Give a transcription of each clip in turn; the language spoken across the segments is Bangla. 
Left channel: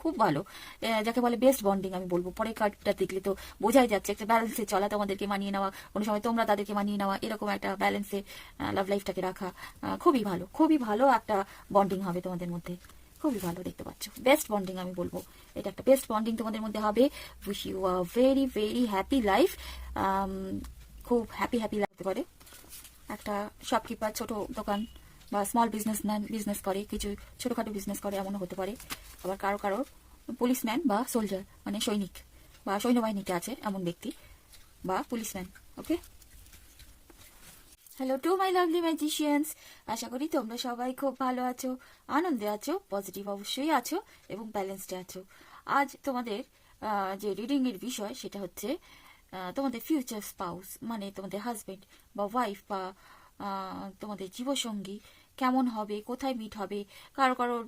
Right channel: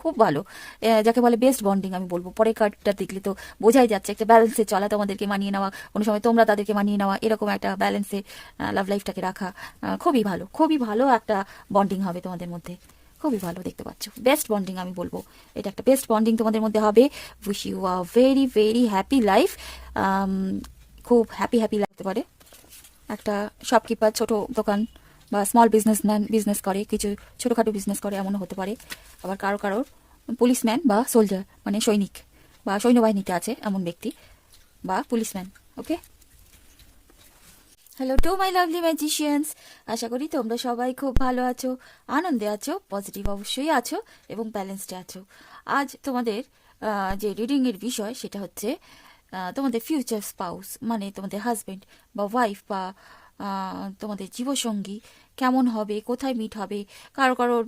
খুব খুব ভালো, যাকে বলে বেস্ট বন্ডিং আমি বলবো। পরের কার্ডটা দেখলে তো বোঝাই যাচ্ছে একটা ব্যালেন্সে চলা, তোমাদেরকে মানিয়ে নেওয়া, কোনো সময় তোমরা তাদেরকে মানিয়ে নেওয়া, এরকম একটা ব্যালেন্সে লাভ লাইফটাকে রাখা খুবই ভালো একটা বন্ডিং হবে তোমাদের মধ্যে। খুবই ভালো দেখতে পাচ্ছ, বেস্ট বন্ডিং আমি বলবো। এটা একটা বেস্ট বন্ডিং তোমাদের মধ্যে হবে। Wish you a very very happy life. খুব হ্যাপি লাগতে পারে। একটা শপকিপার, ছোট দোকান বা স্মল বিজনেসম্যান, বিজনেস করে, কিছু ছোটোখাটো বিজনেস করে, এমনও হতে পারে। আবার কারোর পুলিশম্যান বা সোলজার, মানে সৈনিক বা সৈন্যবাহিনীতে আছে এমন ব্যক্তি বা policeman. Okay, hello to my lovely magicians. আশা করি তোমরা সবাই খুব ভালো আছো, আনন্দে আছো, পজিটিভ অবশ্যই আছো এবং ব্যালেন্সডে আছো। আজ তোমাদের যে রিডিংয়ের বিষয় সেটা হচ্ছে তোমাদের ফিউচার স্পাউস, মানে তোমাদের হাজব্যান্ড বা ওয়াইফ বা তোমাদের জীবসঙ্গী কেমন হবে, কোথায় মিট হবে। কারোর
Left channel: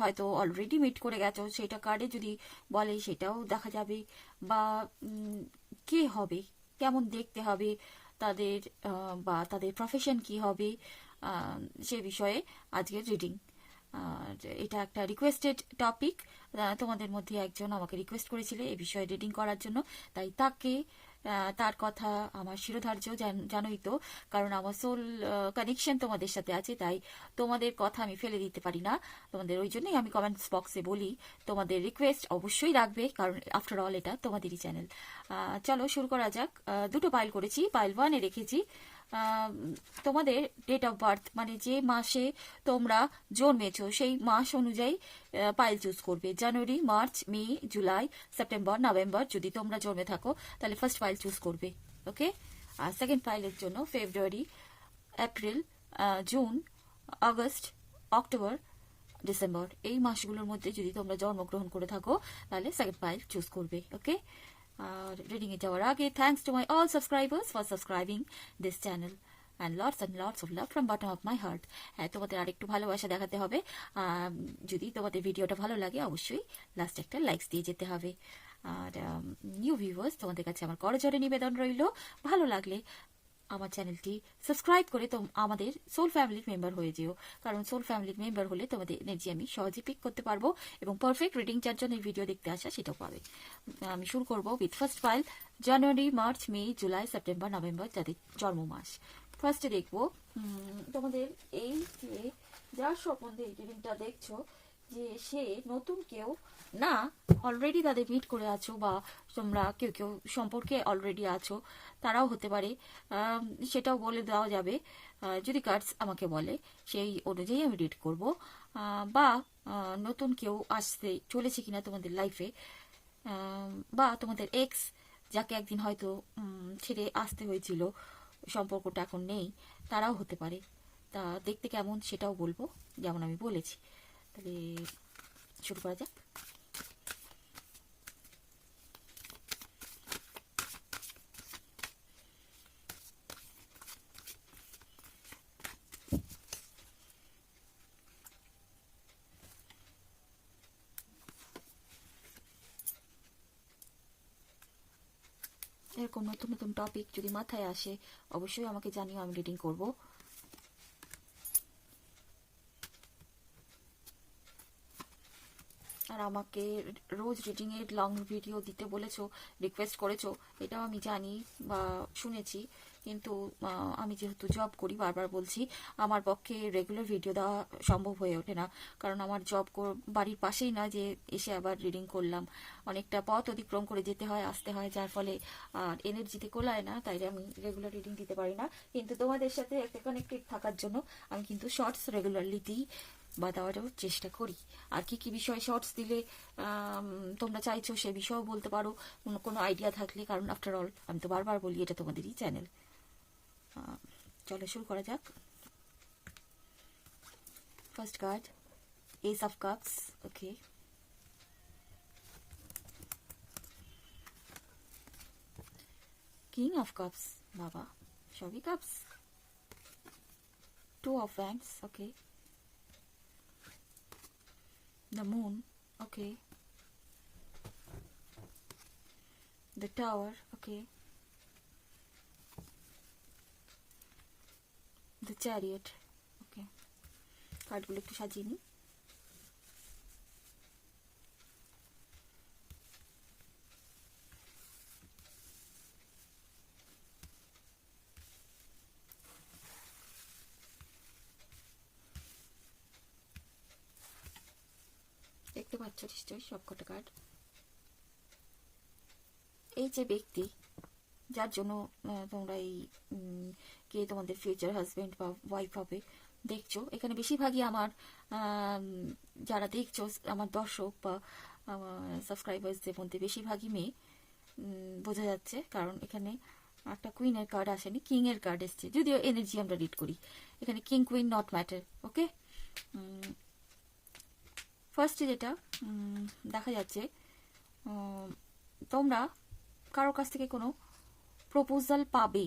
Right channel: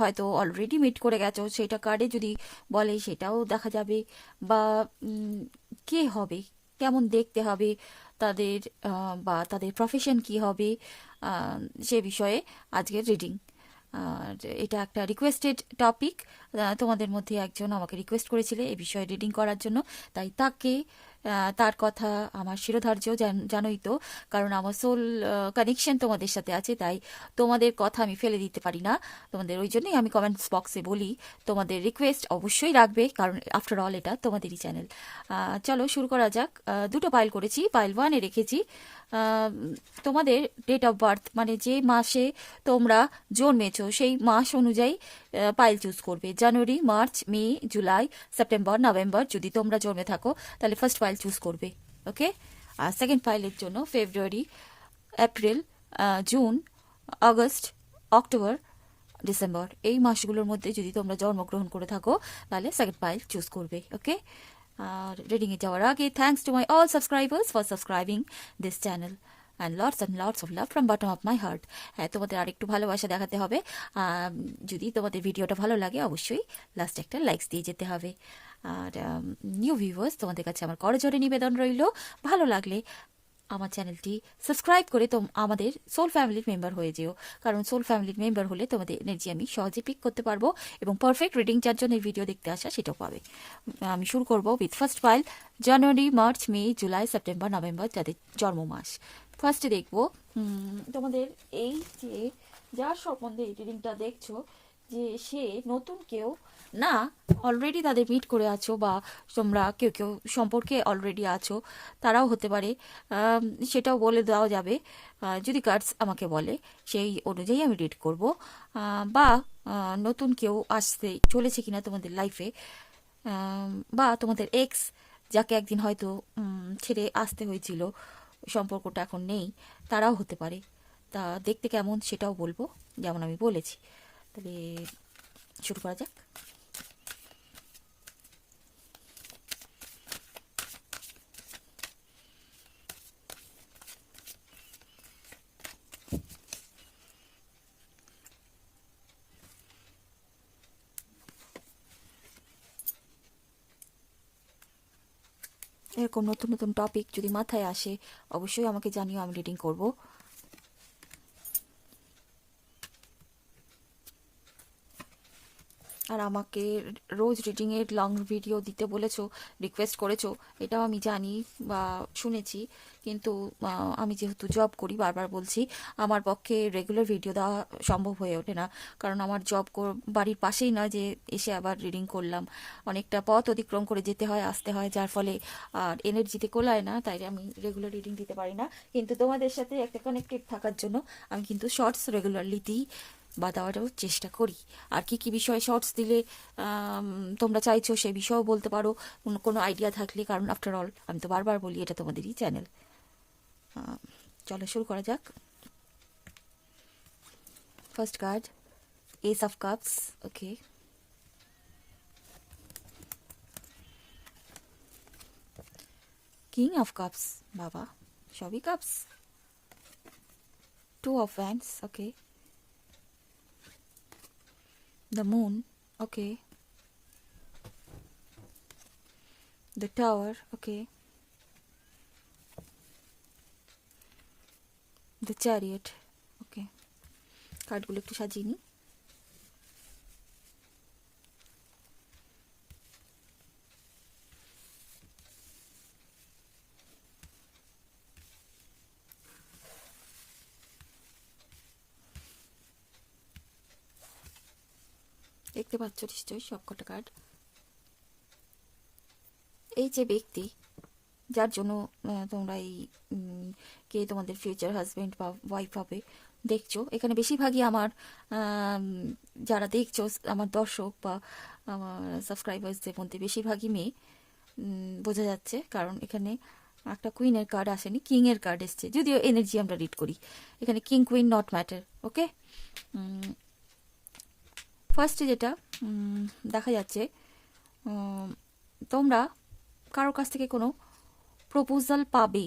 হয়তো অলরেডি মিট করে গেছো, সেটা কার্ডে যদি বলে সেটাও দেখা যাবে। বা কে হবে, কেমন দেখতে হবে তাদের, বা তাদের প্রফেশন কি হবে, সে বিষয়ে আজকের রিডিং। আর এটা একটা রিকোয়েস্টেড টপিক, তোমাদের মধ্যে একজন আমাকে রিকোয়েস্ট করেছিলে এই বিষয়ে রিডিং করার জন্য, তাই তার কথা আমার শিরোধার্য, জানোই তো, কারণ আমার সোল কানেকশন তোমাদের সাথে আছে, তাই তোমাদের কথা আমি ফেলে দিতে পারি না। তোমাদের ওই জন্যই আমি কমেন্টস বক্সে বলি তোমাদের রিকোয়েস্ট অবশ্যই রাখবে, কারণ আফটার অল এটা তোমাদেরই চ্যানেল। চলো শুরু করা যাক। দুটো পাইল করেছি, পাইল 1-এ রেখেছি তোমাদের ডেট অফ বার্থ, মানে যে মাসে তোমরা জন্মেছো সেই মাস অনুযায়ী পাইল চুজ করবে। জানুয়ারি, মার্চ, মে, জুলাই, সেপ্টেম্বর, নভেম্বর যদি তোমরা জন্মে থাকো তাহলে ফার্স্ট পাইল চুজ করবে। ওকে, আর সেকেন্ড পাইলের জন্য February, April, June, August, October, December, এই মাসগুলোর মধ্যে যদি তোমরা জন্মগ্রহণ করে থাকো তাহলে সেকেন্ড পাইল চুজ করবে। ওকে, আর রিডিংয়ে যাওয়ার আগে thanks to my all subscribers for subscribing this channel and lots of love from bottom of my heart. হ্যাঁ, তোমাদের আরেকটু ভালোবাসা দেখাতে হবে। যদি তোমাদের ভিডিওটা ভালো লাগে অবশ্যই লাস্টে একটা লাইকস দিয়ে যেতে হবে। আর নিউ ভিউয়ার্স, তোমাদের কাছে আমার করজোরে নিবেদন রইল, ভালো লাগলে আমার চ্যানেলটি সাবস্ক্রাইব করে আমাদের সোল ফ্যামিলির মেম্বার হয়ে যেও, কারণ সোল ফ্যামিলির মেম্বার হলে তোমাদের এনার্জি আমি সহজে পিক করতে পারবো এবং পারফেক্ট রিডিং যার জন্য ভিডিও দেখতে আসা সেটাও পাবে। আমি শুরু করব with first file, January, March, May, July, September, November, যাদের জন্ম মাস। ফার্স্টে দেখবো তোমাদের এই যে যার সম্বন্ধে এই রিডিংটা দেখছো, যে সে নতুন কেউ না, অলরেডি তাদের মিট করে আছো, বা তোমরা কেউ কেউ সম্পর্কে অলরেডি আছো, তারাও হতে পারে। সেটাও বলে দেওয়া যাবে যদি কার্ডস আমাকে বলে, সেই অনুযায়ী আমি রিড করব। বা নতুন কেউ আসতে চলেছে কিনা তোমাদের লাইফে, বা তোমাদের এক্স যাকে একদিন হয়তো ছেড়ে আসতে হয়েছিল, সম্পর্কটা এখন নেই, তারাও হতে পারে। তা দেখতে কেমন সেটাও বলবো, যেমন আমি বলেছি। তাহলে শুরু করা যাক। এরকম নতুন নতুন টপিক যদি মাথায় আসে অবশ্যই আমাকে জানিও, আমি রিডিং করব। আর আমাকে রোজ রিডিংয়ের লং ভিডিও দিতে বলেছো, রিকোয়েস্ট করেছো, এটাও আমি জানি বা শুনেছি, কিন্তু আমি যেহেতু জব করি, বারবার বলছি, আমার পক্ষে রেগুলার ভিডিও দেওয়া সম্ভব হয়ে ওঠে না, কারণ আমার জব বাড়ির পাশেই না যে এসে আবার রিডিং করলাম, অনেকটা পথ অতিক্রম করে যেতে হয়, আসতে হয়, যার ফলে আর এনার্জিতে কোলায় না, তাই আমি রেগুলার রিডিং দিতে পারি না। কিন্তু তোমাদের সাথে একটা কানেক্টেড থাকার জন্য আমি কিন্তু শর্টস রেগুলারলি দিই বা দেওয়ারও চেষ্টা করি। আর কি কি বিষয়ে শর্টস দিলে তোমরা চাইছো সেই বিষয়েও বলতে পারো, কোনো আইডিয়া থাকলে, কারণ আফটার অল আমি তো বারবার বলি এটা তোমাদেরই চ্যানেল। চলো শুরু করা যাক। First card, ace of cups. Okay, king of cups, বাবা সবই cups. Two of wands. Okay, the moon. Okay, the tower. Okay, the chariot. Okay, কার্ডগুলো একটু সাজিয়ে নিই। দেখতে পাচ্ছ নিশ্চয়ই সবকটা কার্ড। এই যে ব্যক্তি যার জন্য তোমরা এই কে তোমাদের ফিউচার হাজবেন্ড বা ওয়াইফ হবে দেখছো, এখানে বেশিরভাগই আমার যারা দেখছো আমার দর্শক বা আমার সাবস্ক্রাইবার্সদের মধ্যে বেশিরভাগই মেয়ে বোঝা যাচ্ছে, কারণ এখানে একটা কুইনের কার্ড আসেনি, কিং এর কার্ড এসছে। যদিও এনার্জি আমরা রিড করি, এখানে কিং কুইন নট ম্যাটার। ওকে, ফার্স্টে যেটা দেখা যাচ্ছে, তোমরা কারোর কাছ থেকে কোনো প্রপোজাল পাবে,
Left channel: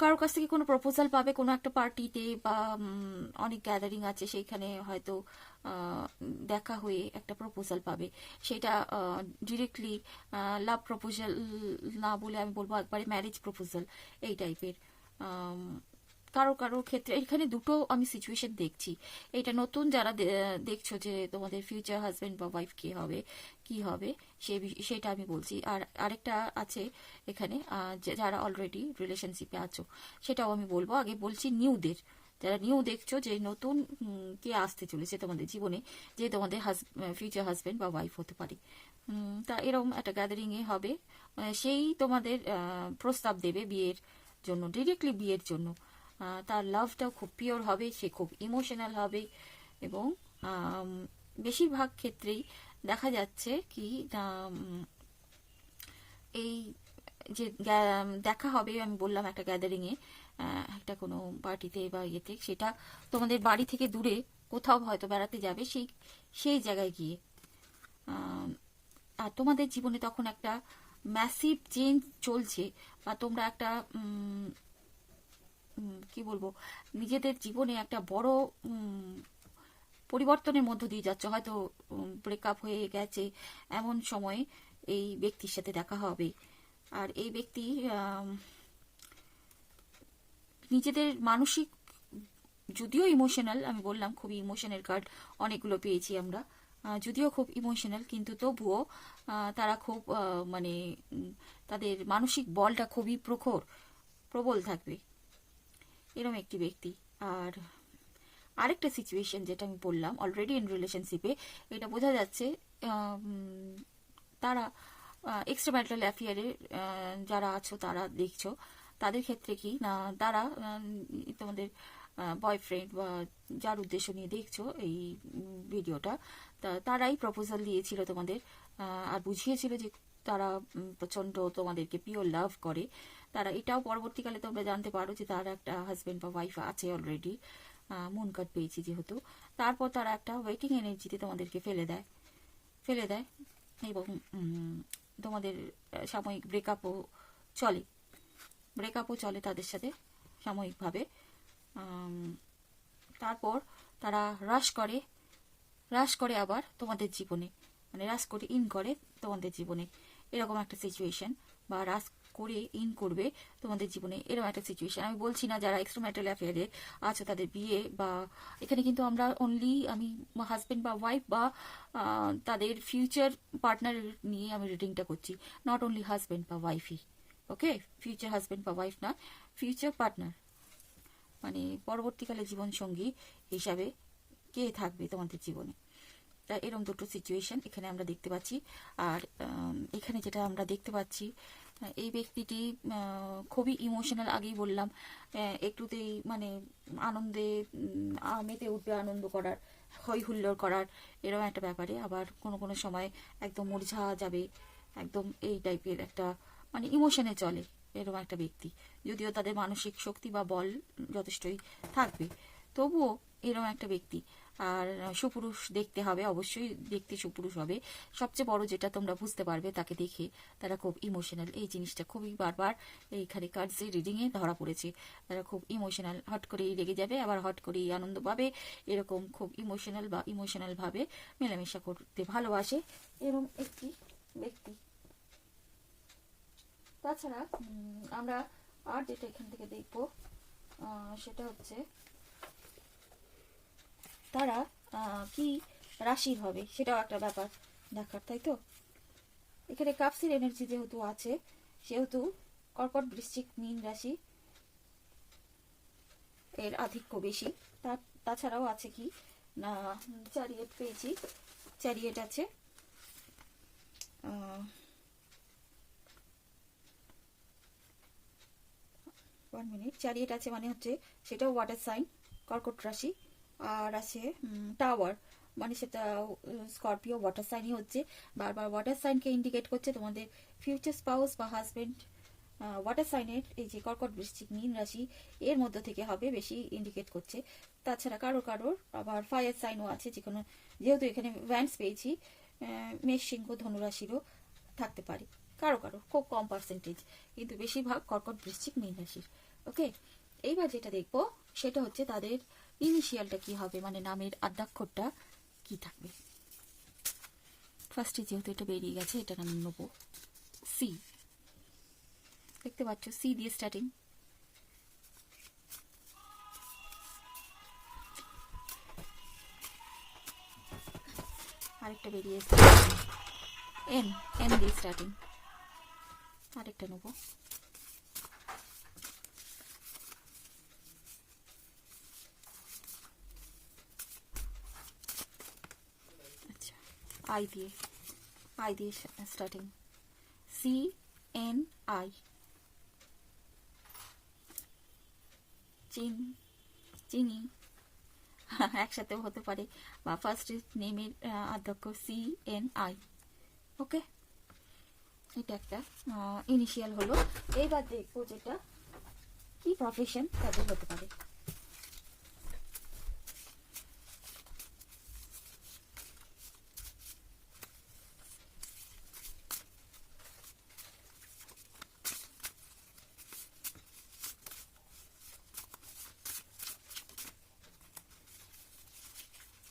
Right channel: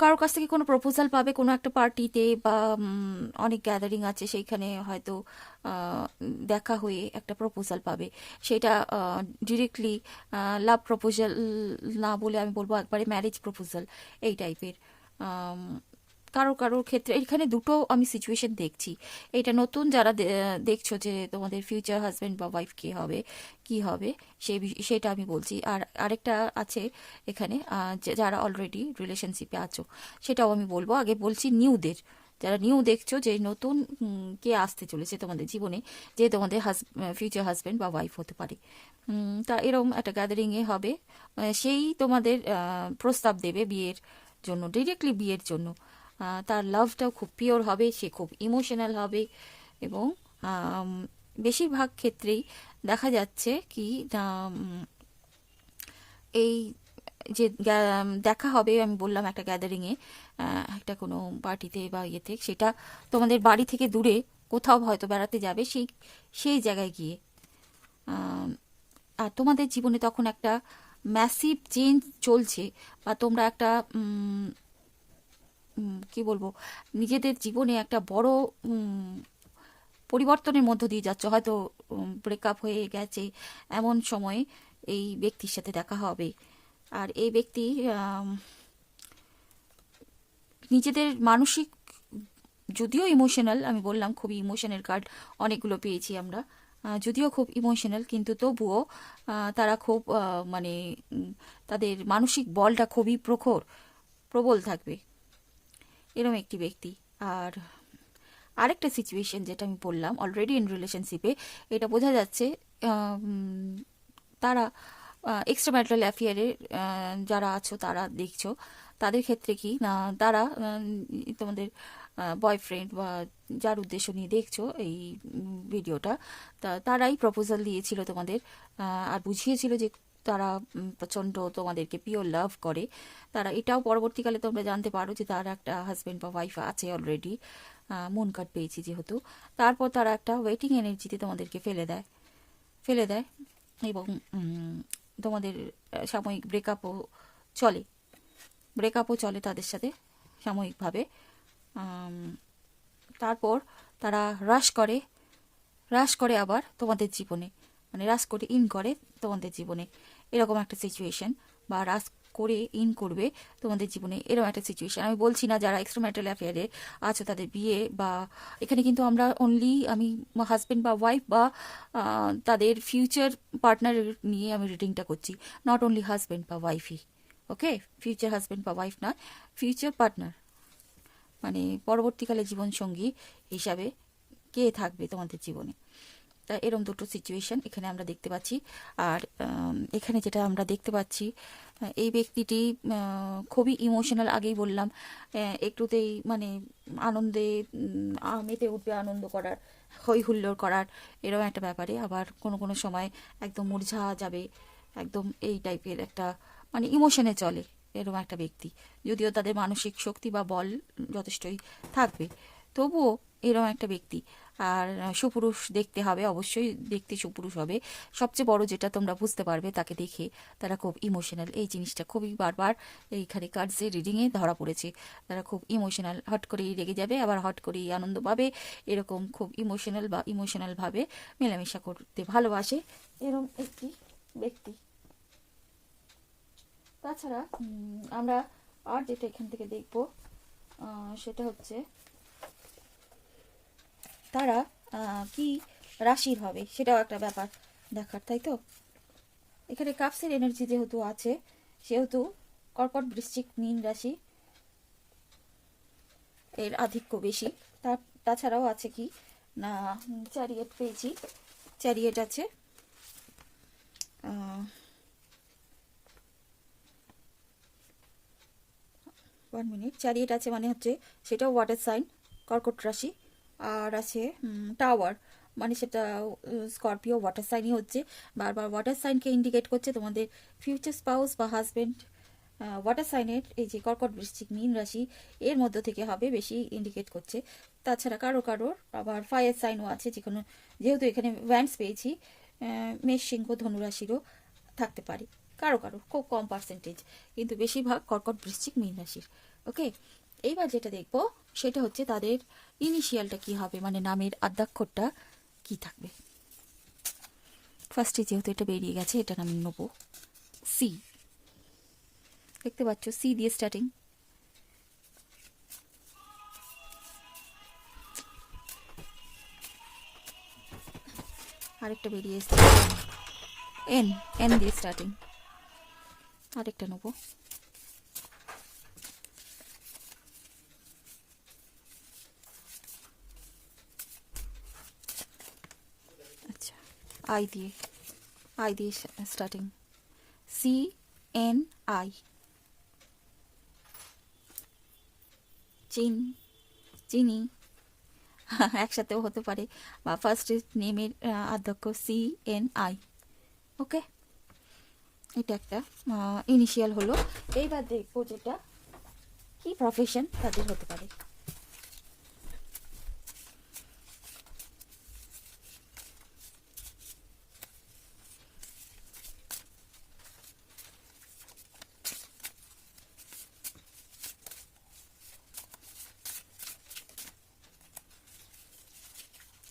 কারোর কাছ থেকে কোনো প্রপোজাল পাবে কোনো একটা পার্টিতে, বা অনেক গ্যাদারিং আছে সেইখানে হয়তো দেখা হয়ে একটা প্রপোজাল পাবে। সেটা ডিরেক্টলি লাভ প্রপোজাল না বলে আমি বলবো একবারে ম্যারেজ প্রপোজাল এই টাইপের। কারোর ক্ষেত্রে এখানে দুটো আমি সিচুয়েশন দেখছি। এটা নতুন যারা দেখছো যে তোমাদের ফিউচার হাজব্যান্ড বা ওয়াইফ কি হবে সেটা আমি বলছি। আর আরেকটা আছে এখানে যারা অলরেডি রিলেশনশিপে আছো, সেটাও আমি বলবো। আগে বলছি নিউদের, যারা নিউ দেখছো যে নতুন কে আসতে চলেছে তোমাদের জীবনে, যে তোমাদের ফিউচার হাজব্যান্ড বা ওয়াইফ হতে পারে। তা এরকম একটা গ্যাদারিংয়ে হবে, সেই তোমাদের প্রস্তাব দেবে বিয়ের জন্য, ডিরেক্টলি বিয়ের জন্য। তার লাভটাও খুব পিওর হবে, সে খুব ইমোশনাল হবে, এবং বেশিরভাগ ক্ষেত্রেই দেখা যাচ্ছে কি এই যে দেখা হবে, আমি বললাম একটা গ্যাদারিংয়ে, একটা কোনো পার্টিতে বা ইয়েতে, সেটা তোমাদের বাড়ি থেকে দূরে কোথাও হয়তো বেড়াতে যাবে, সেই জায়গায় গিয়ে। আর তোমাদের জীবনে তখন একটা ম্যাসিভ চেঞ্জ চলছে, বা তোমরা একটা কি বলবো, নিজেদের জীবনে একটা বড় পরিবর্তনের মধ্য দিয়ে যাচ্ছ। হয়তো ব্রেকআপ হয়ে গেছে, এমন সময় এই ব্যক্তির সাথে দেখা হবে। আর এই ব্যক্তি নিজেদের মানসিক, যদিও ইমোশনাল, আমি বললাম খুবই ইমোশনাল কার্ড অনেকগুলো পেয়েছি আমরা, যদিও খুব ইমোশনাল, কিন্তু তবুও তারা খুব মানে তাদের মানসিক বলটা খুবই প্রবল থাকবে, এরকম একটি ব্যক্তি। আর আরেকটা সিচুয়েশন যেটা আমি বললাম, অলরেডি ইন রিলেশনশিপে, এটা বোঝা যাচ্ছে তারা এক্সট্রা ম্যারিটাল অ্যাফেয়ারে যারা আছো তারা দেখছো, তাদের ক্ষেত্রে কি না, তারা তোমাদের বয়ফ্রেন্ড বা যার উদ্দেশ্য নিয়ে দেখছো এই ভিডিওটা, তারাই প্রপোজাল দিয়েছিল তোমাদের, আর বুঝিয়েছিল যে তারা প্রচণ্ড তোমাদেরকে পিওর লাভ করে। তারা এটাও পরবর্তীকালে তোমরা জানতে পারো যে তারা একটা হাজব্যান্ড বা ওয়াইফ আছে অলরেডি, মুন কার্ড পেয়েছি যেহেতু। তারপর তারা একটা ওয়েটিং এনার্জিতে তোমাদেরকে ফেলে দেয়, এবং তোমাদের সাময়িক ব্রেকআপও চলে তাদের সাথে সাময়িকভাবে। তারপর তারা রাশ করে আবার তোমাদের জীবনে, মানে রাশ করে ইন করে তোমাদের জীবনে, এরকম একটা সিচুয়েশন, বা রাশ করে ইন করবে তোমাদের জীবনে, এরকম একটা সিচুয়েশন। আমি বলছি না যারা এক্সট্রা ম্যারিটাল অ্যাফেয়ারে আছে তাদের বিয়ে, বা এখানে কিন্তু আমরা অনলি আমি হাজব্যান্ড বা ওয়াইফ বা তাদের ফিউচার পার্টনার নিয়ে আমি রিডিংটা করছি, নট অনলি হাজব্যান্ড বা ওয়াইফই। ওকে, ফিউচার হাজব্যান্ড বা ওয়াইফ না, ফিউচার পার্টনার, মানে পরবর্তীকালে জীবনসঙ্গী হিসাবে কে থাকবে তোমাদের জীবনে। তা এরকম দুটো সিচুয়েশন এখানে আমরা দেখতে পাচ্ছি। আর এখানে যেটা আমরা দেখতে পাচ্ছি, এই ব্যক্তিটি খুবই ইমোশনাল, আগেই বললাম, একটুতেই মানে আনন্দে মেতে উঠবে, আনন্দ করার, হই হুল্লোড় করার, এরকম একটা ব্যাপারে। আবার কোনো সময় একদম মূর্ছা যাবে, একদম এই টাইপের একটা মানে ইমোশনে চলে এরকম একটা ব্যক্তি। যদিও তাদের মানসিক শক্তি বা বল যথেষ্টই থাকবে, তবুও এরকম একটা ব্যক্তি। আর সুপুরুষ দেখতে হবে, অবশ্যই দেখতে সুপুরুষ হবে। সবচেয়ে বড় যেটা তোমরা বুঝতে পারবে তাকে দেখে, তারা খুব ইমোশনাল, এই জিনিসটা খুবই বারবার এইখানে কার্ডসের রিডিংয়ে ধরা পড়েছে। তারা খুব ইমোশনাল, হট করেই রেগে যাবে, আবার হট করেই আনন্দ পাবে, এরকম খুব ইমোশনাল বা ইমোশনালভাবে মেলামেশা করতে ভালোবাসে এরকম একটি ব্যক্তি। তাছাড়া আমরা আর যেটা এখান থেকে দেখব সেটা হচ্ছে তারা কি রাশির হবে, সেটাও একটা ব্যাপার দেখার, তাই তো। এখানে কাপসের এনার্জি যেহেতু আছে, সেহেতু কর্কট, বৃশ্চিক, মীন রাশি এর আধিক্য বেশি। তাছাড়াও আছে কি না চ্যারিয়েট পেয়েছি। চ্যারিয়েট আছে, 1 মিনিট। চ্যারিয়েট আছে মানে হচ্ছে সেটা ওয়াটার সাইন, কর্কট রাশি। আর আছে টাওয়ার, মানে সেটা স্করপিও ওয়াটার সাইনই হচ্ছে। বারবার ওয়াটার সাইনকে ইন্ডিকেট করছে তোমাদের ফিউচার স্পাউস বা হাজবেন্ড ওয়াটার সাইনের, এই যে কর্কট বৃশ্চিক মীন রাশি এর মধ্য থেকে হবে বেশি ইন্ডিকেট করছে। তাছাড়া কারোর আবার ফায়ার সাইনও আছে, যেহেতু এখানে ভ্যান্স পেয়েছি, মেষ সিংহ ধনুরাশিরও থাকতে পারে কারো খুব কম পার্সেন্টেজ, কিন্তু বেশিরভাগ কর্কট বৃশ্চিক মীন রাশির। ওকে, এইবার যেটা দেখবো সেটা হচ্ছে তাদের ইনিশিয়ালটা কি হবে, মানে নামের আদ্যাক্ষরটা কি থাকবে। ফার্স্টে যেহেতু এটা বেরিয়ে গেছে, এটা আমি নেবো সি। দেখতে পাচ্ছ সি দিয়ে স্টার্টিং। আরেকটা বেরিয়ে এসছে এন, এন দিয়ে স্টার্টিং। আরেকটা নেবো আচ্ছা আই দিয়ে, আই দিয়ে স্টার্টিং, সি এন আই। চিনি একসাথেও হতে পারে, বা ফার্স্ট নেমের আদ্যক্ষর সি এন আই। ওকে, এটা একটা ইনিশিয়াল হলো। এইবার দেখবো যেটা কি প্রফেশন তাদের হতে পারে।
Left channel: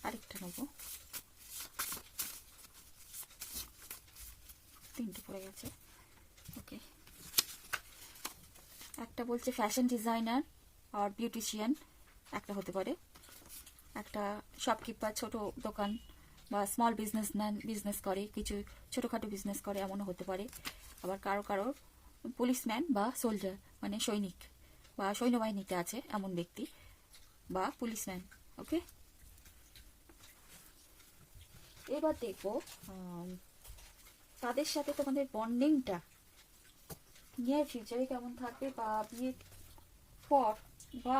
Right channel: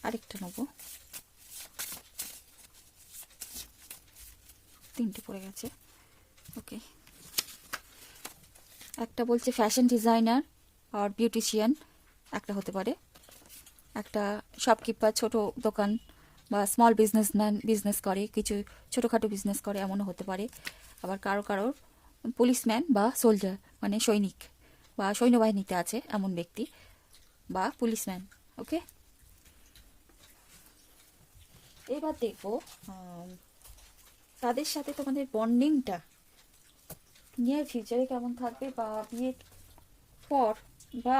আরেকটা নেবো, তিনটে পড়ে গেছে। ওকে, একটা বলছে ফ্যাশন ডিজাইনার আর বিউটিশিয়ান একটা হতে পারে, একটা শপকিপার, ছোট দোকান বা স্মল বিজনেসম্যান, বিজনেস করে, কিছু ছোটোখাটো বিজনেস করে, এমনও হতে পারে। আবার কারোর পুলিশম্যান বা সোলজার, মানে সৈনিক বা সৈন্যবাহিনীতে আছে এমন ব্যক্তি বা পুলিশম্যান। ওকে, এবার দেখবো তাদের সাথে তোমাদের বন্ডিংটা নিয়ে ফিউচারে কেমন থাকবে, বা বিয়ের পর, বা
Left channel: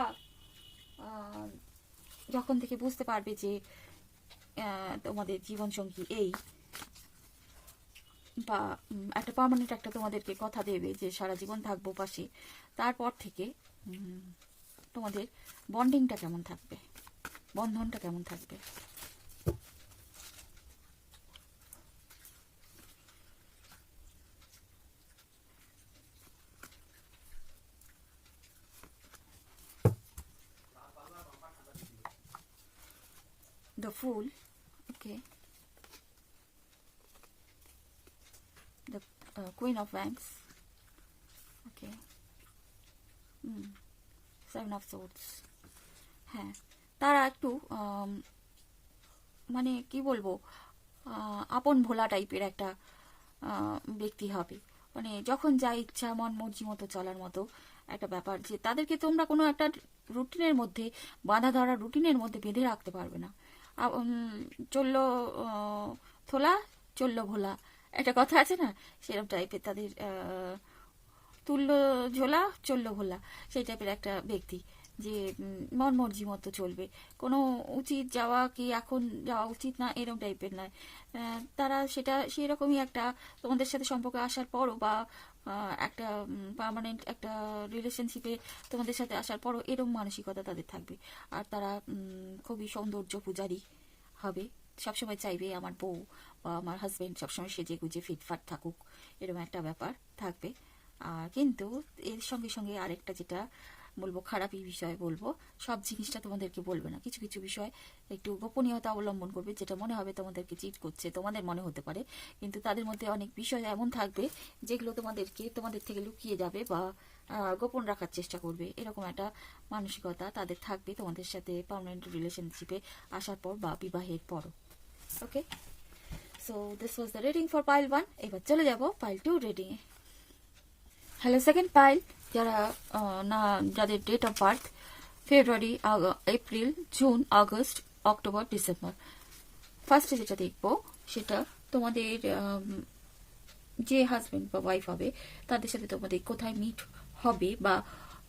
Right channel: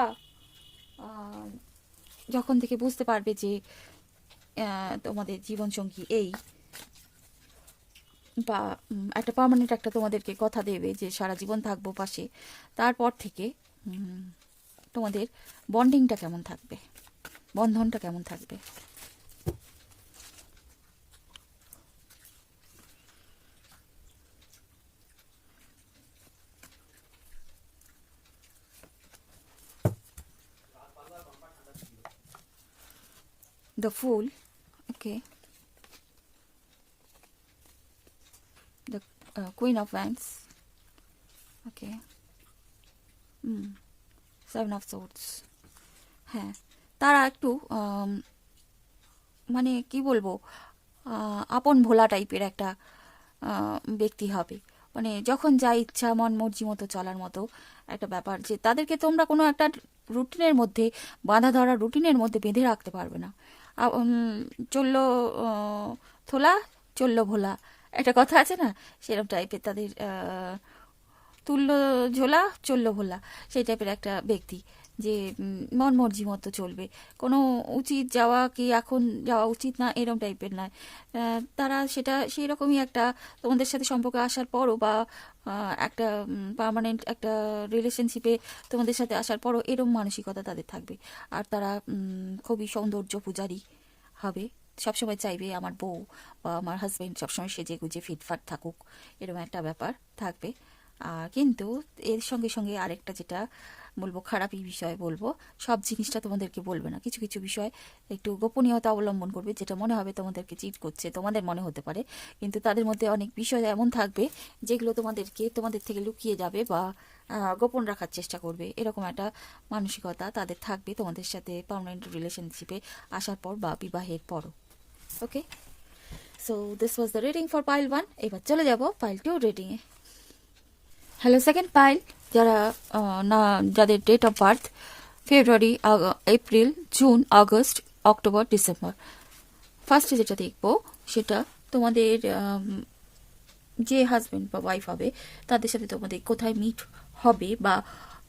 যখন থেকে বুঝতে পারবে যে তোমাদের জীবনসঙ্গী এই, বা একটা পার্মানেন্ট একটা তোমাদেরকে কথা দেবে যে সারা জীবন থাকবো পাশে, তারপর থেকে তোমাদের বন্ডিংটা কেমন থাকবে, বন্ধনটা কেমন থাকবে। The Fool, okay. The Queen of Wands, okay. 7 of Swords, হ্যাঁ। তারা একটু মানে কি বলবো, আপন ভোলা টাইপের একটা ব্যক্তি হবে, মানে যখন যা ইচ্ছা মন মর্জি মতো চলার মতো একটা ব্যাপার, যে তাদেরকে তোমরা কোনো একটা রুটিনের মধ্যে, বাঁধা ধরা রুটিনের মধ্যে বেঁধে রাখতে পারবে না। চললো থোলা, চললো ভোলা, একটা কথা আছে না, সেরকম টাইপের তাদের তুললো ঝোলা, চললো ভোলা, সেই টাইপের একটা ব্যক্তি, যে মন মর্জি মতো চলবে, কোনো উচিত যাওয়া কি এখন যাওয়া উচিত না এরকম টাইপের নয়। তারা সেটা সেই রকমই একটা তোমাদের সাথে সম্পর্কে আসার পরও, বা একটা পার্মানেন্ট একটা রিলেশনশিপে তোমাদের সাথে আসার পরও এরকম মানসিকতা তাদের থাকবে। আর তারা খুবই সৌন্দর্য পূজারী হবে, সবসময় চাইবে আমার বউ বা আমার হাজব্যান্ড সবসময় সেজে গুজে ফিটফাট থাকুক, এরকম একটা ব্যাপার থাকবে। কিন্তু এর সঙ্গে সঙ্গে আরেকটা যেটা বলবো, খারাপই বিষয় বলবো, সব জিনিসটা তোমাদেরকে বলবে না, কিছু কিছু বিষয় একটু গোপনীয়তা অবলম্বন করবে, যেটা মনে হবে তোমাদেরকে চিট করছে, তোমাদের মনে হতে পারে, কিন্তু তাদের মধ্যে অনেক বিষয় এমন থাকবে যেগুলো তোমাদের থেকে লুকিয়ে যাবে বা গোপন রাখার চেষ্টা করবে, এরকম একটা মানসিকতা তাদের থাকবে তোমাদের সাথে পার্মানেন্ট রিলেশনশিপে আসার পর বা বিবাহের পরও। Okay, so this was the reading for pile 1। এবার চলে যাব পাইল 2 রিডিংয়ে। হ্যালো সেকেন্ড পাইল, যারা না, যাদের date of birth February, April, June, August, October December. ফার্স্টে যেটা দেখবো সেটা তোমাদের যে হাজব্যান্ড বা ওয়াইফ হবে তাদের সাথে তোমাদের কোথায় মিট হবে, বা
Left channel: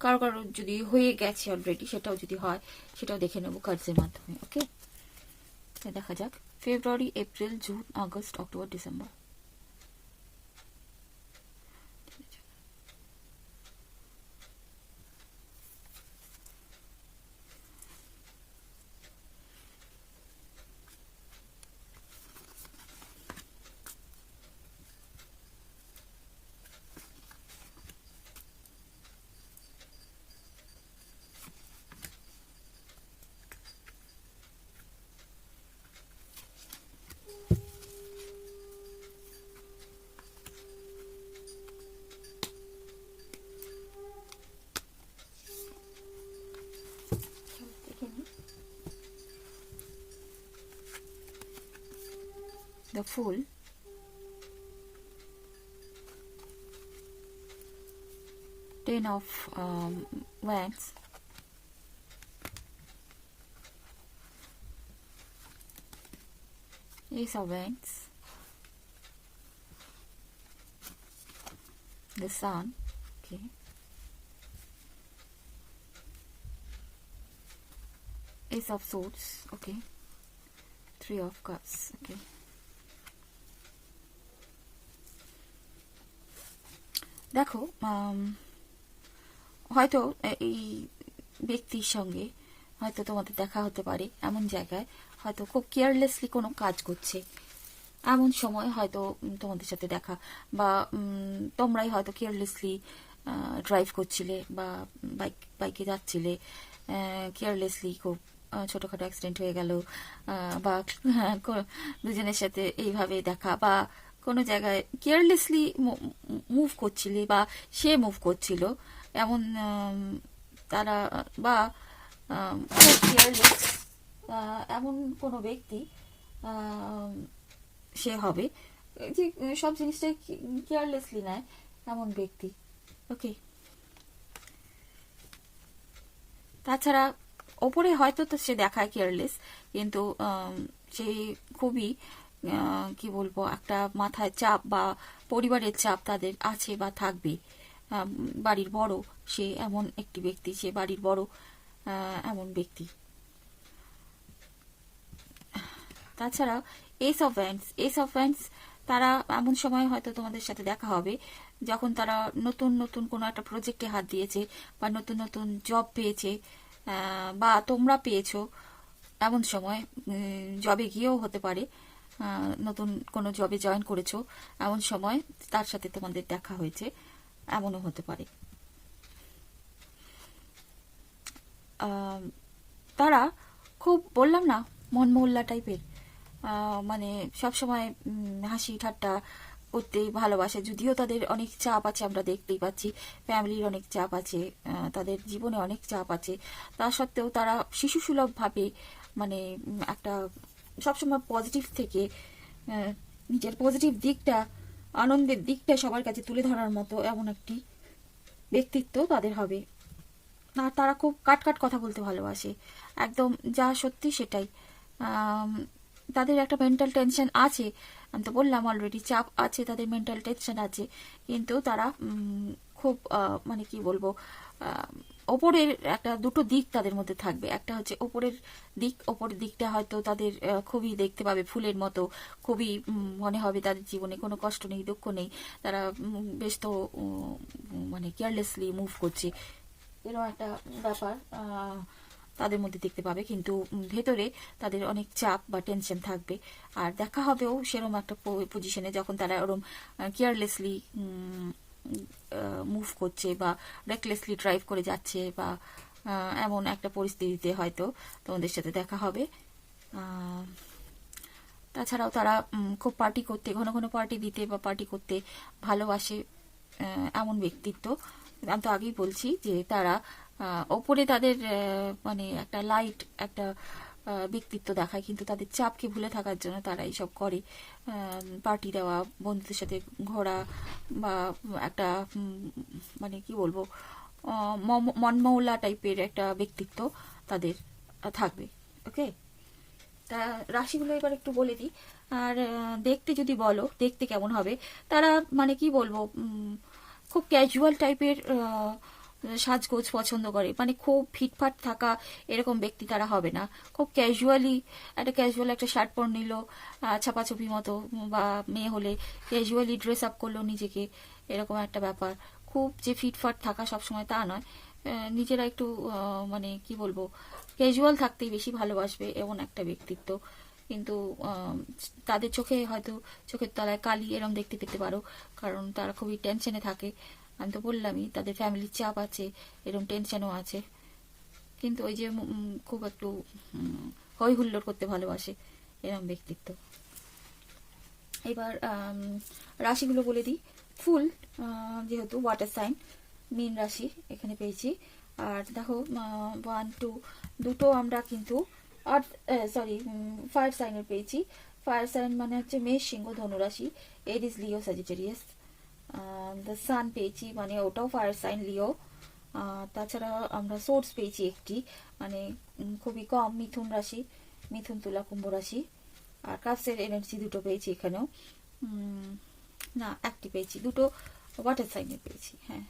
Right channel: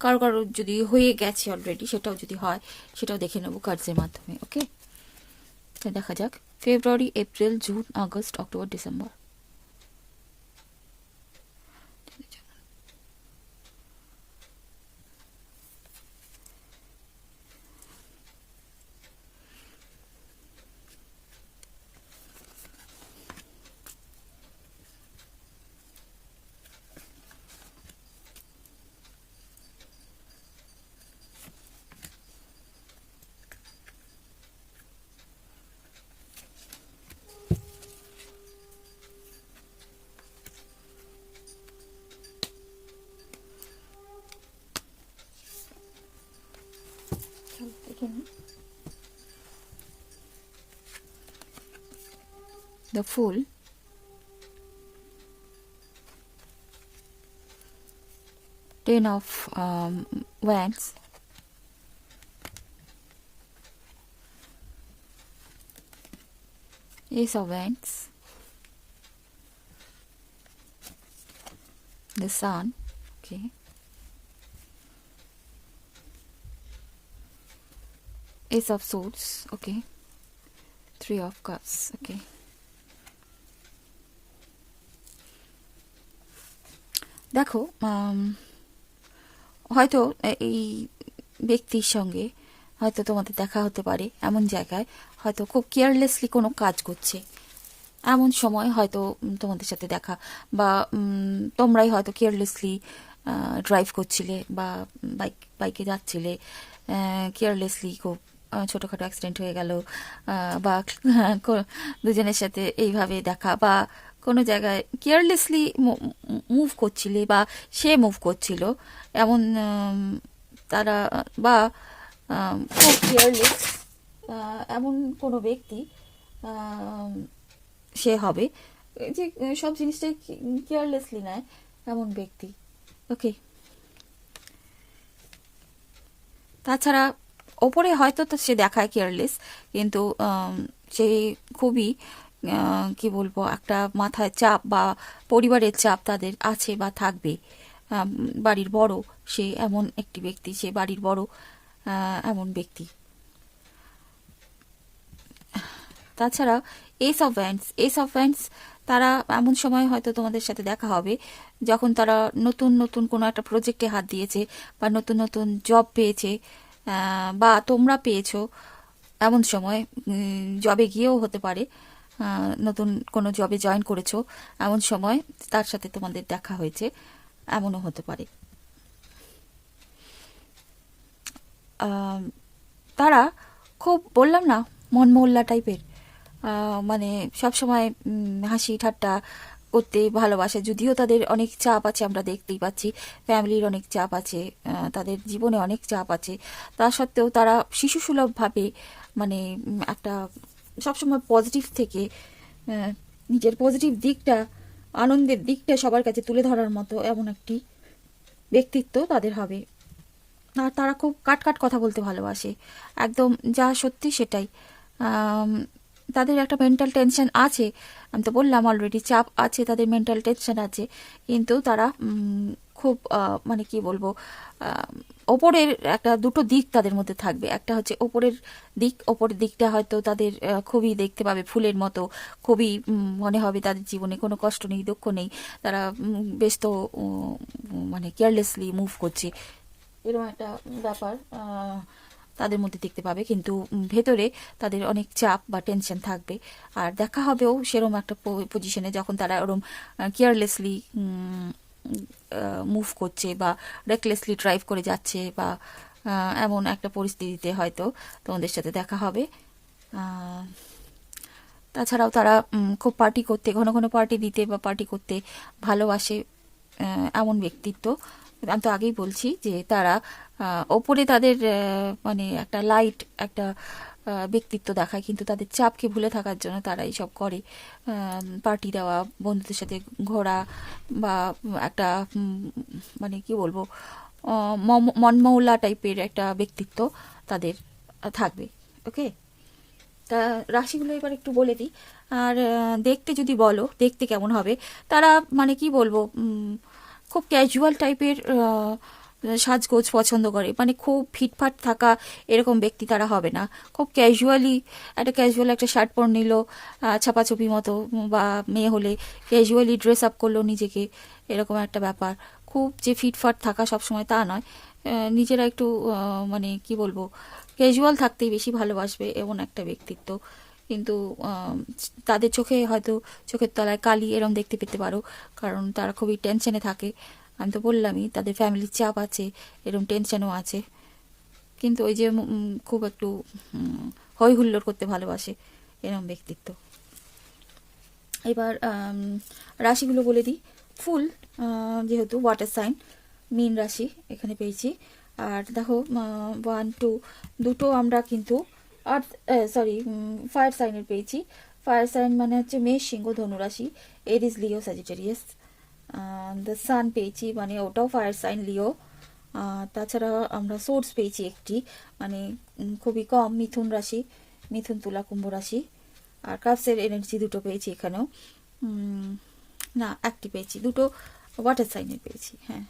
কারো কারো যদি হয়ে গেছে অলরেডি সেটাও যদি হয় সেটাও দেখে নেবো কার্ডসের মাধ্যমে। ওকে, তো দেখা যাক February, April, June, August, October, December. The Fool, Ten of Wands, Ace of Wands, the Sun, okay, Ace of Swords, okay, Three of Cups, okay. দেখো হয়তো এই ব্যক্তির সঙ্গে হয়তো তোমাদের দেখা হতে পারে এমন জায়গায়, হয়তো খুব কেয়ারলেসলি কোনো কাজ করছে এমন সময় হয়তো তোমাদের সাথে দেখা, বা তোমরাই হয়তো কেয়ারলেসলি ড্রাইভ করছিলে বা বাইকে যাচ্ছিলে, কেয়ারলেসলি খুব ছোটোখাটো অ্যাক্সিডেন্ট হয়ে গেল, বা দুজনের সাথে এইভাবে দেখা, বা কোনো জায়গায় কেয়ারলেসলি মুভ করছিলে বা সে মুভ করছিল এমন তারা, বা খুব কেয়ারলেস এমন কোনো ব্যক্তি সে হবে যে সব জিনিসটাই কেয়ারলেসলি নেয় এমন ব্যক্তি। ওকে, তাছাড়া ওপরে হয়তো তো সে দেখায় কেয়ারলেস, কিন্তু সে খুবই কি বলবো একটা মাথায় চাপ বা পরিবারের চাপ তাদের আছে বা থাকবে। বাড়ির বড় সে এমন একটি ব্যক্তি, সে বাড়ির বড় এমন ব্যক্তি। তাছাড়া S of wands, S of wands তারা এমন সময় হয়তো তোমাদের সাথে দেখা হবে যখন তারা নতুন নতুন কোনো একটা প্রজেক্টে হাত দিয়েছে বা নতুন নতুন জব পেয়েছে, বা তোমরা পেয়েছো এমন সময়, জবে গিয়েও হতে পারে, নতুন কোনো জবে জয়েন করেছো এমন সময় তার সাথে তোমাদের দেখা হয়েছে এমনও হতে পারে। তারা খুব বললাম না মনমহল্লা টাইপের, মানে সবসময় হাসি ঠাট্টা করতে ভালোবাসে, যদিও তাদের অনেক চাপ আছে আমরা দেখতেই পাচ্ছি, ফ্যামিলির অনেক চাপ আছে, তাদের জীবনে অনেক চাপ আছে, তা সত্ত্বেও তারা শিশুসুলভভাবে মানে একটা সবসময় পজিটিভ থেকে নিজের পজিটিভ দিকটা, আনন্দের দিকটা সবার কাছে তুলে ধরার মতো এমন একটি ব্যক্তিত্ব তাদের হবে। আর তারা খুব কাট কাট কথা বলতে ভালোবাসে, একদম যা সত্যি সেটাই। তাদের একটা মেন্টাল টেনশন আছে, আমি তো বললাম অলরেডি চাপ আছে, তাদের মেন্টাল টেনশন আছে, কিন্তু তারা খুব মানে কি বলবো, ওপরের একটা দুটো দিক তাদের মধ্যে থাকবে। একটা হচ্ছে ওপরের দিক, ওপরের দিকটা হয়তো তাদের খুবই দেখতে পাবে ফুলের মতো, খুবই মনে হবে তাদের জীবনে কোনো কষ্ট নেই, দুঃখ নেই, তারা বেশ তো মানে কেয়ারলেসলি মুভ করছে, এরকম একটা ব্যাপার তাদের মধ্যে দেখতে পাবে। কিন্তু ভেতরে তাদের অনেক চাপ বা টেনশন থাকবে। আর দেখা হবেও সেরকম একটা পজিশনে যখন তারা ওরম কেয়ারলেসলি মুভ করছে বা রেকলেসলি ড্রাইভ করে যাচ্ছে, বা এমন একটা পরিস্থিতিতে হয়তো তোমাদের সাথে দেখা হবে। তাছাড়াও তারা খুব পার্টি করতে, ঘন ঘন পার্টি দিতে বা পার্টি করতে ভালোবাসে এমন ব্যক্তিত্ব। আমি তো আগেই বলছি যে তারা ওপরে তাদের মানে একটা লাইট একটা ব্যক্তিত্ব দেখায়, কিন্তু তাদের চাপকে ভুলে থাকার জন্য তারা এইসব করে, পার্টি দেওয়া, বন্ধুদের সাথে ঘোরা, বা একটা মানে কি বলবো মনমৌলা টাইপের একটা ব্যক্তিত্ব তাদের থাকবে। ওকে, তা রাশিগুলো এবার একটু বলে দিই। আর দেখতে যদি বলো দেখতে কেমন হবে, তারা মানে কি বলবো, খুব ক্যাজুয়াল টাইপের সাজগোজ পছন্দ করে, মানে খুব ফিটফাট থাকা এরকম ব্যক্তি তারা হবে না। খুব ক্যাজুয়ালি ক্যাজুয়াল একটা শার্ট পরে নিল ছাপাছপি মতো, বা মেয়ে হলে ক্যাজুয়ালি ড্রেস আপ করলো নিজেকে, এরকম একটা ব্যাপার। খুব যে ফিটফাট থাকা সবসময় তা নয়, নিজেরা একটু মানে কি বলবো, ক্যাজুয়াল থাকতেই বেশি ভালোবাসবে এমন একটা ব্যক্তিত্ব। কিন্তু তাদের চোখে হয়তো চোখের তলায় কালি এরম দেখতে পেতে পারো, কারণ তারা খুবই টেনশনে থাকে। আমি তো বললামই তাদের ফ্যামিলির চাপ আছে, এরকম টেনশনও আছে। কিন্তু ওই যে খুব একটু হই হুল্লোড় করতে ভালোবাসে এরম ব্যক্তিত্ব। এবার রাশিগুলো বলে দিই। ফুল, যেহেতু ওয়াটার সাইন, মীন রাশি এখানে পেয়েছি। আর দেখো 1 2 দুটো আমরা কিন্তু আর্থ সরি ফায়ার সাইনের পেয়েছি। ফায়ার সাইন মানে হচ্ছে মেষ, সিংহ, ধনুরাশি, এরিস, লিও, স্যাজিটেরিয়াস। দ্য সান পেয়েছি, মানে ওটাও ফায়ার সাইন, লিও। তাছাড়া আমরা সোর্স পেয়েছি একটি, মানে খুবই কম, মিথুন রাশি, মিথুন, তুলা, কুম্ভ রাশি। আর কাপসের এনার্জি দুটো পেয়েছি এখানেও, না একটি পেয়েছি, দুটো ওয়াটার সাইনের পেয়েছি। হ্যাঁ,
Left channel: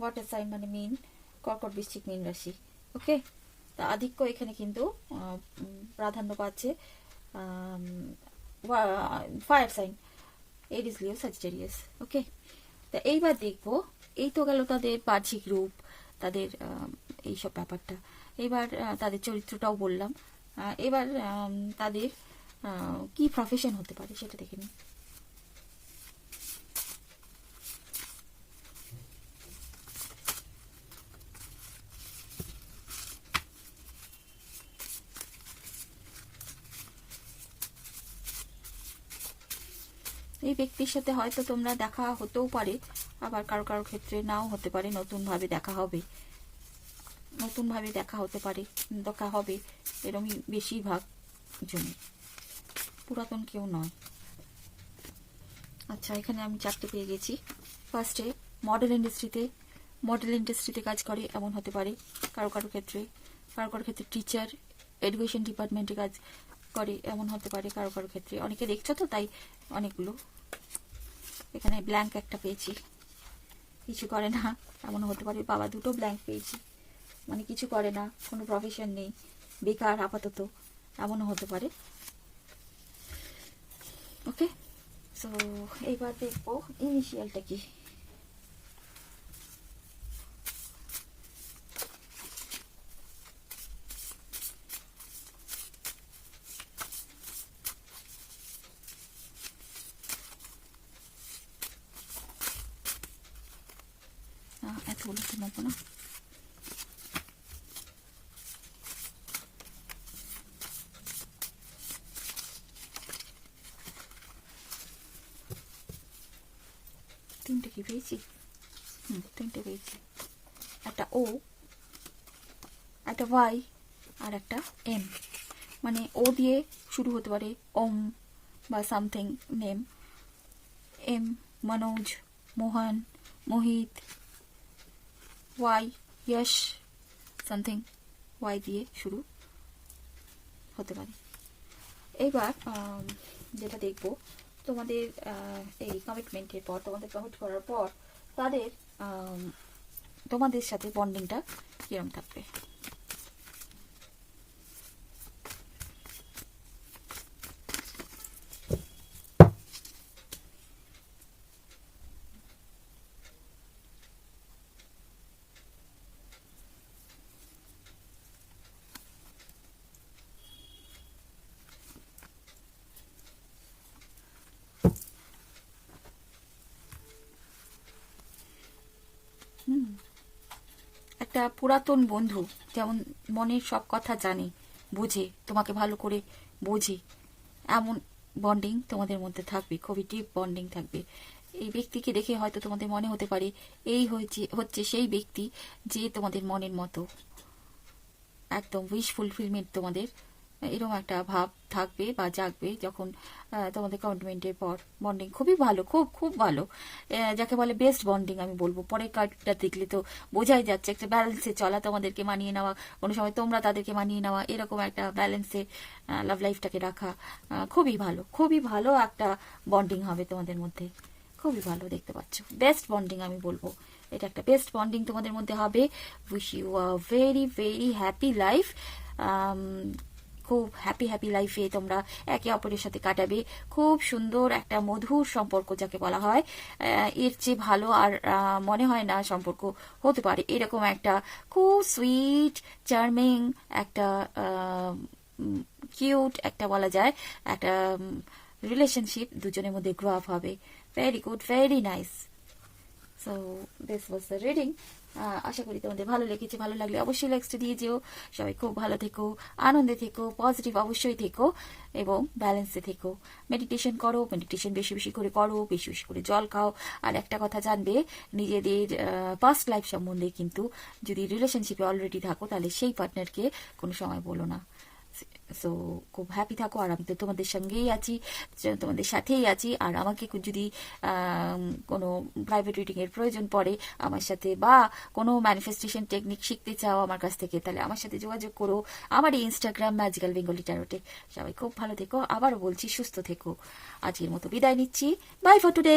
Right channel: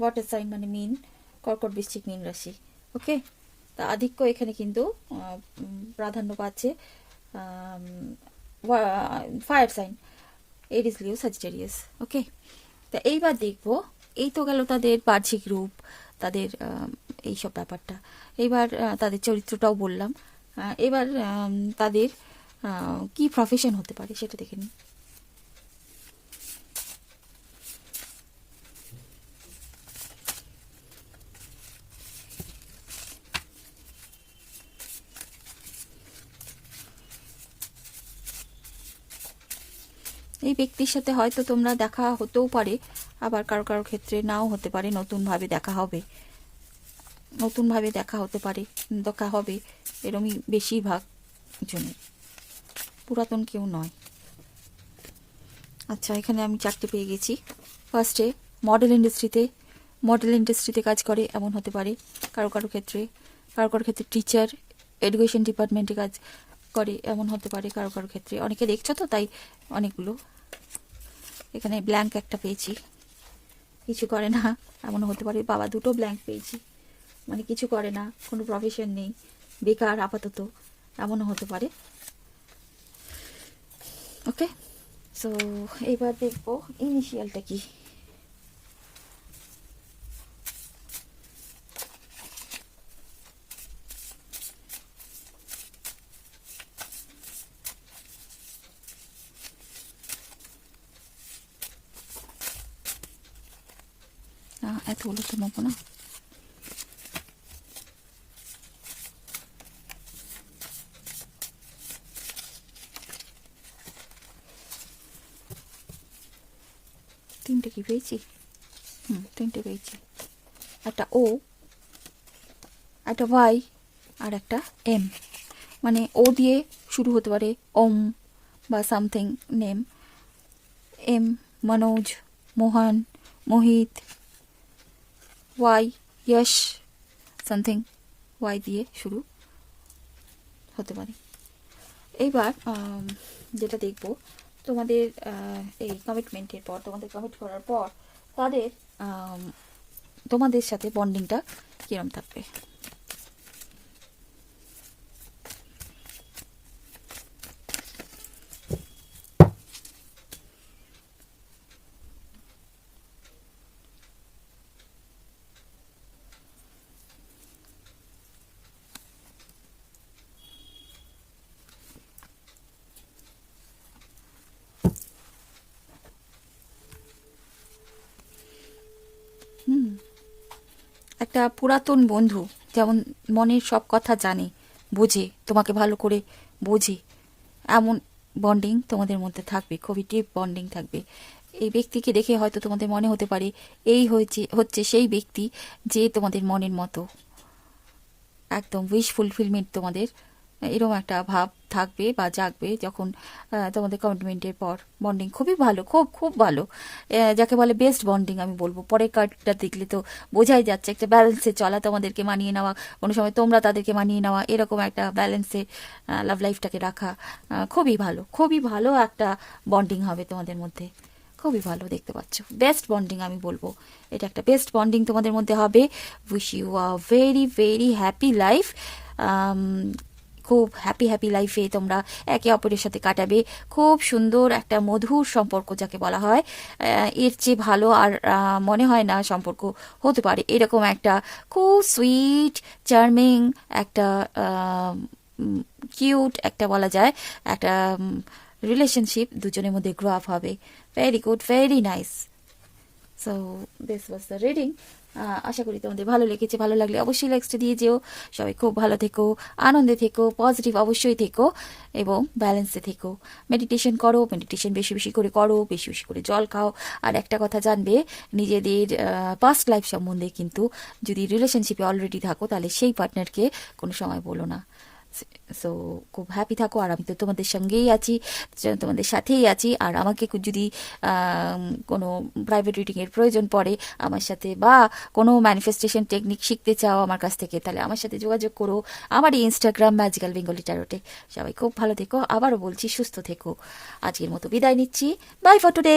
ওয়াটার সাইন মানে মিন, কর্কট, বৃশ্চিক, মীন রাশি। ওকে, তা আধিক্য এখানে কিন্তু প্রাধান্য পাচ্ছে ফায়ার সাইন, এরিস, লিও, স্যাজিটেরিয়াস। ওকে, তা এইবার দেখবো, এই তো গেল তাদের বাহ্যিক রূপ, তাদের এইসব ব্যাপারটা। এবার তাদের চরিত্রটাও বললাম। এবার তাদের কি প্রফেশন হতে পারে সেটা দেখে নিই। এই ব্যক্তির সাথে হয়তো তোমরা দেখা হতেও পারে, আবার কারো কারো ক্ষেত্রে নাও হতে পারে, নতুনভাবে দেখা হবে, নতুনভাবে দেখা হতে পারে, দেখা হবে, এরমই বেশিরভাগ জনের, পুরাতন কেউ নয়। আচ্ছা, এখানে আমি 4টে পেয়ে গেছি। ফার্স্টে মডেল ইন্ডাস্ট্রিতে কাজ করে এমন হতে পারে কারো কারো ক্ষেত্রে। কারো কারো ক্ষেত্রে টিচার, এডুকেশন ডিপার্টমেন্টে কাজ করে এমন হতে পারে কারো কারো ক্ষেত্রে। অনেকে দেখছো তো, তাই অনেকগুলো। এখানে ব্ল্যাঙ্ক একটা পেয়েছি, কিছু করে না এমন হতে পারে। বাবা, দুটো ব্ল্যাঙ্ক পেয়েছি, মানে কিছু করে না, কোনো প্রফেশন নেই, বেকার আপাতত, এমনও হতে পারে। ওকে, সো এবার দেখবো ইনিশিয়ালটা কি। এতগুলো তো নেবো না। তিনটে কি পেয়েছি? 3টে পেয়েছি। একটা ও, একটা ওয়াই, আর একটা এম। মানে ও দিয়ে শুরু হতে পারে ওম বা সামথিং নেম। এম মনোজ, মোহন, মোহিত। ওয়াই যশ, সামথিং ওয়াই দিয়ে শুরু হতে পারে। এইবার যেটা দেখবো, তোমাদের এই কমিটমেন্টের পর, তোমাদের কমিট করার পর তাদের তোমাদের সাথে বন্ডিংটা কিরম থাকবে। একটা পুরাতন বন্ধু যেমন মনের সব কথা জানে, বোঝে, তোমাকে ভালো করে বোঝে, এমন বন্ডিং তোমাদের মধ্যে থাকবে, খুবই ডিপ বন্ডিং থাকবে। এই ব্যক্তিকে দেখে হয়তো তোমাদের মনে হতে পারে এই হচ্ছে সেই ব্যক্তি যে তোমাদের মনের মতো, একদম উইশ ফুলফিলমেন্ট তোমাদের এরকম একটা ভাব থাকবে বা জাগবে যখন তোমাদের কমিটমেন্টের পর। বন্ডিং খুবই ভালো, খুব খুব ভালো, যাকে বলে বেস্ট বন্ডিং আমি বলবো। পরের কার্ডটা দেখলে তো বোঝাই যাচ্ছে একটা ব্যালেন্সে চলা, তোমাদেরকে মানিয়ে নেওয়া, কোনো সময় তোমরা তাদেরকে মানিয়ে নেওয়া, এরকম একটা ব্যালেন্সে লাভ লাইফটাকে রাখা খুবই ভালো, খুবই ভালো একটা বন্ডিং হবে তোমাদের মধ্যে। খুবই ভালো দেখতে পাচ্ছ, বেস্ট বন্ডিং আমি বলবো। এটা একটা বেস্ট বন্ডিং তোমাদের মধ্যে হবে। Wish you a very very happy life. খুব হ্যাপি হ্যাপি লাইফে তোমরা একে অপরের সাথে কাটাবে। খুব সুন্দর একটা মধুর সম্পর্ক যাকে বলা হয়, এর চেয়ে ভালো আর মনে হয় না সম্পর্ক হতে পারে। এরকম একটা খুব সুইট চার্মিং একটা কিউট একটা বলা যায় একটা রিলেশনশিপ দুজনের মধ্যে গ্রো আপ হবে। Very good, very nice. So this was the reading. আশা করি তোমাদের ভালো লেগেছে। ভালো লাগলে অবশ্যই লাইকসটা দিয়ে যেও। সবাই খুব ভালো থেকো, আনন্দে থেকো, পজিটিভ অবশ্যই থেকো এবং ব্যালেন্সে থেকো। মেডিটেশন করো, মেডিটেশন বেশি বেশি করে করো, বেশি বেশি করে জল খাও। আর একটা কথা জানবে, নিজেদের পাস্ট লাইফ সম্বন্ধে কিন্তু যদি রিলেশনশিপে অলরেডি থাকো তাহলে সেই পার্টনারকে কোনো সময় বলো না। সো খুব হ্যাপি থাকো। আর আমি তো তোমাদের সঙ্গেই আছি, তোমাদের সাথেই আছি। আর আমাকে যদি কোনো প্রাইভেট রিডিংয়ের প্রয়োজন পড়ে আমার সাথে, বা কোনো ম্যানিফেস্টেশন টেকনিক শিখতে চাও আমার কাছ থেকে, তাহলে আমার সাথে যোগাযোগ করো আমার এই ইনস্টাগ্রাম ম্যাজিক্যাল বেঙ্গলি ট্যারোটে। সবাই খুব ভালো থেকো, আবারও বলছি সুস্থ থেকো। আজকের মতো বিদায় নিচ্ছি। Bye for today.